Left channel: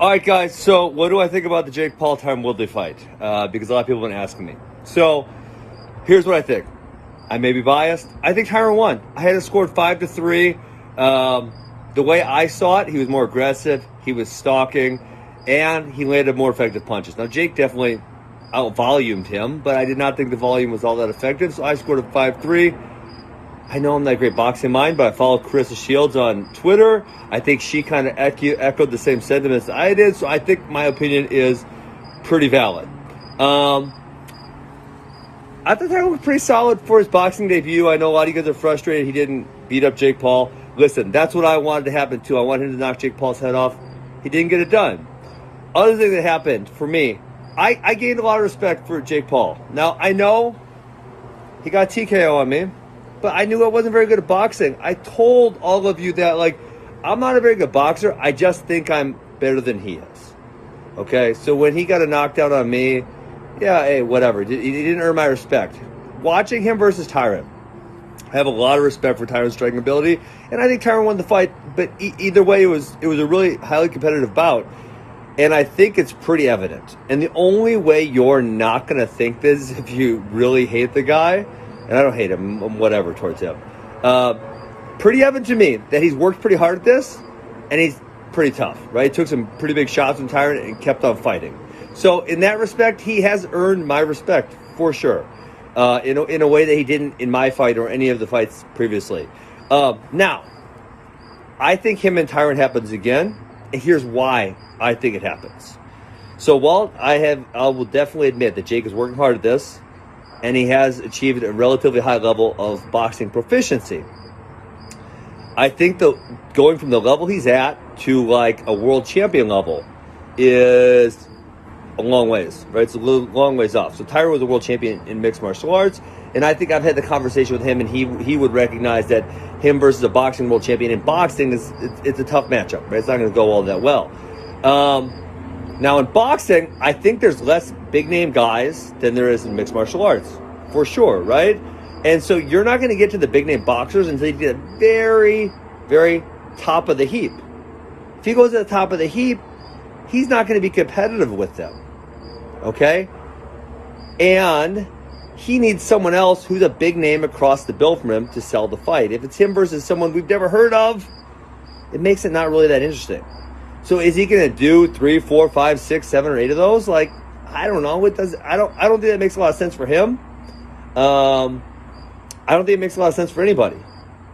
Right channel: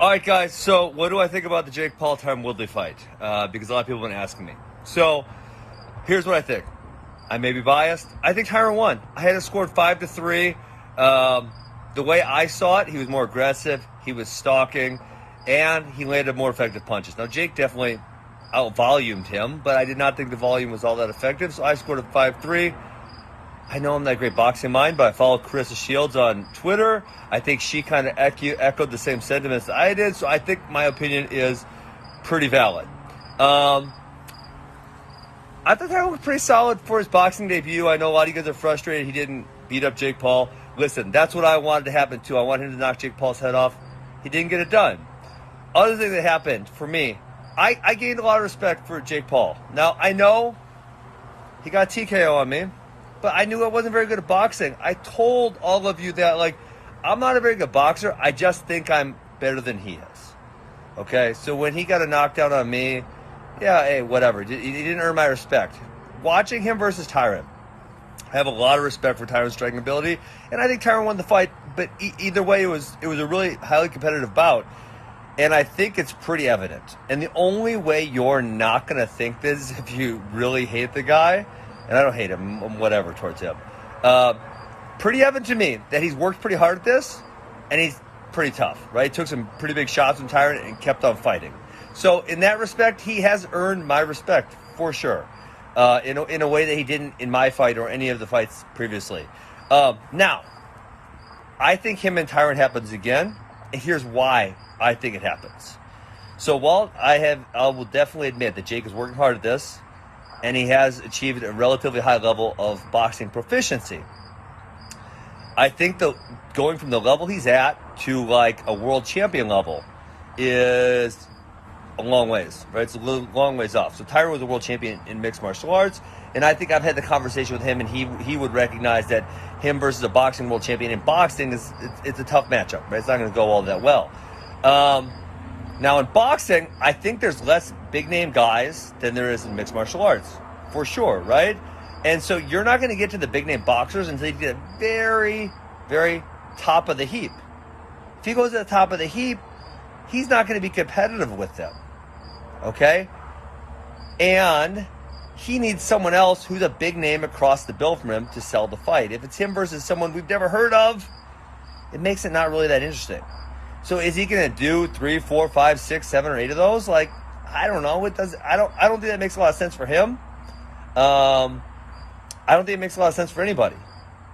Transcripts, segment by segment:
All right, guys. So, what do I think about the Jake Paul Tyron Woodley fight? Because a lot of people have been asking me. So, here's what I think. I may be biased. I think Tyron won. I had it scored 5-3. The way I saw it, he was more aggressive. He was stalking, and he landed more effective punches. Now, Jake definitely out-volumed him, but I did not think the volume was all that effective. So I scored a 5-3. I know I'm not a great boxing mind, but I follow Carissa Shields on Twitter. I think she kind of echoed the same sentiments I did, so I think my opinion is pretty valid. I thought that was pretty solid for his boxing debut. I know a lot of you guys are frustrated he didn't beat up Jake Paul. Listen, that's what I wanted to happen too. I wanted him to knock Jake Paul's head off. He didn't get it done. Other thing that happened for me, I gained a lot of respect for Jake Paul. Now, I know he got TKO on me, but I knew I wasn't very good at boxing. I told all of you that, I'm not a very good boxer. I just think I'm better than he is. Okay? So when he got a knockdown on me, yeah, hey, whatever. He didn't earn my respect. Watching him versus Tyron, I have a lot of respect for Tyron's striking ability, and I think Tyron won the fight, but either way, it was a really highly competitive bout, and I think it's pretty evident. And the only way you're not going to think this is if you really hate the guy, and I don't hate him, I'm whatever towards him. Pretty evident to me that he's worked pretty hard at this, and he's pretty tough, right? Took some pretty big shots from Tyron and kept on fighting. So in that respect, he has earned my respect for sure, in a way that he didn't in my fight or any of the fights previously. Now, I think him and Tyron happens again, and here's why I think it happens. So while I will definitely admit that Jake is working hard at this, and he has achieved a relatively high level of boxing proficiency, I think going from the level he's at to a world champion level is a long ways, right? It's a long ways off. So Tyron was a world champion in mixed martial arts, and I think I've had the conversation with him, and he would recognize that him versus a boxing world champion in boxing it's a tough matchup, right? It's not going to go all that well. Now in boxing, I think there's less big name guys than there is in mixed martial arts, for sure, right? And so you're not going to get to the big name boxers until you get very, very top of the heap. If he goes to the top of the heap, he's not going to be competitive with them. Okay? And he needs someone else who's a big name across the bill from him to sell the fight. If it's him versus someone we've never heard of, it makes it not really that interesting. So is he going to do 3, 4, 5, 6, 7, or 8 of those? I don't know. I don't think that makes a lot of sense for him. I don't think it makes a lot of sense for anybody.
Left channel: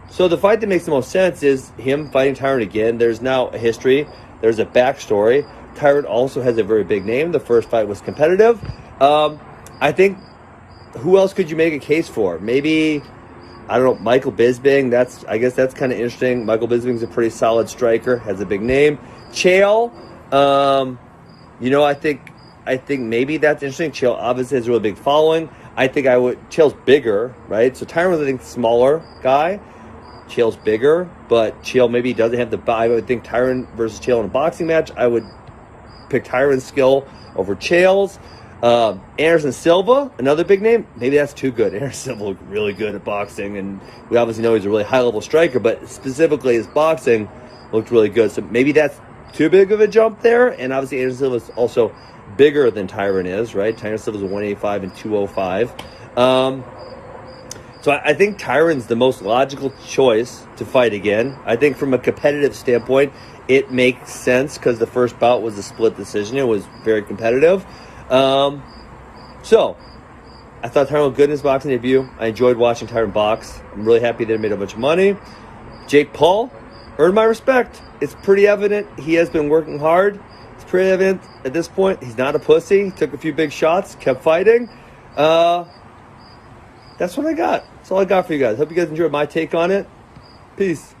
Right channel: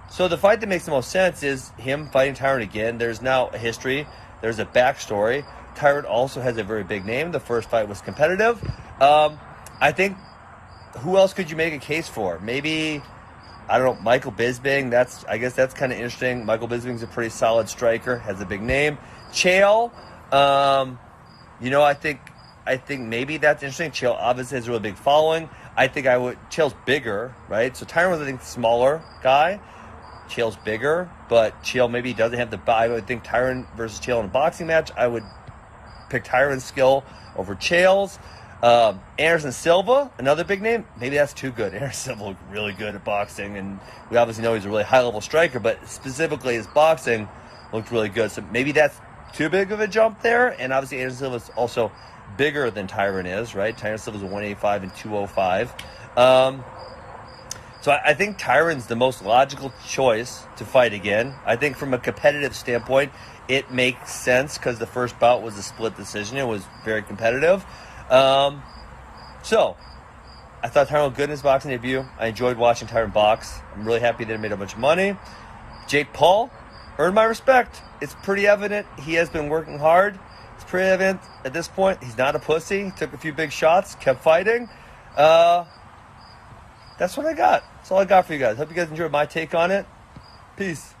So the fight that makes the most sense is him fighting Tyron again. There's now a history. There's a backstory. Tyron also has a very big name. The first fight was competitive. I think, who else could you make a case for? Maybe, I don't know, Michael Bisping. I guess that's kind of interesting. Michael Bisping's a pretty solid striker, has a big name. Chael, I think maybe that's interesting. Chael obviously has a really big following. I think Chael's bigger, right? So Tyron was, I think, smaller guy. Chael's bigger, but Chael maybe doesn't have I would think Tyron versus Chael in a boxing match, I would pick Tyron's skill over Chael's. Anderson Silva, another big name. Maybe that's too good. Anderson Silva looked really good at boxing, and we obviously know he's a really high-level striker, but specifically his boxing looked really good. So maybe that's too big of a jump there, and obviously Anderson Silva is also bigger than Tyron is, right? Tyron Silva's a 185 and 205. So I think Tyron's the most logical choice to fight again. I think from a competitive standpoint, it makes sense because the first bout was a split decision. It was very competitive. So I thought Tyron looked good in his boxing debut. I enjoyed watching Tyron box. I'm really happy that he made a bunch of money. Jake Paul earned my respect. It's pretty evident he has been working hard. It's pretty evident at this point he's not a pussy. He took a few big shots, kept fighting. That's what I got. That's all I got for you guys. Hope you guys enjoyed my take on it. Peace.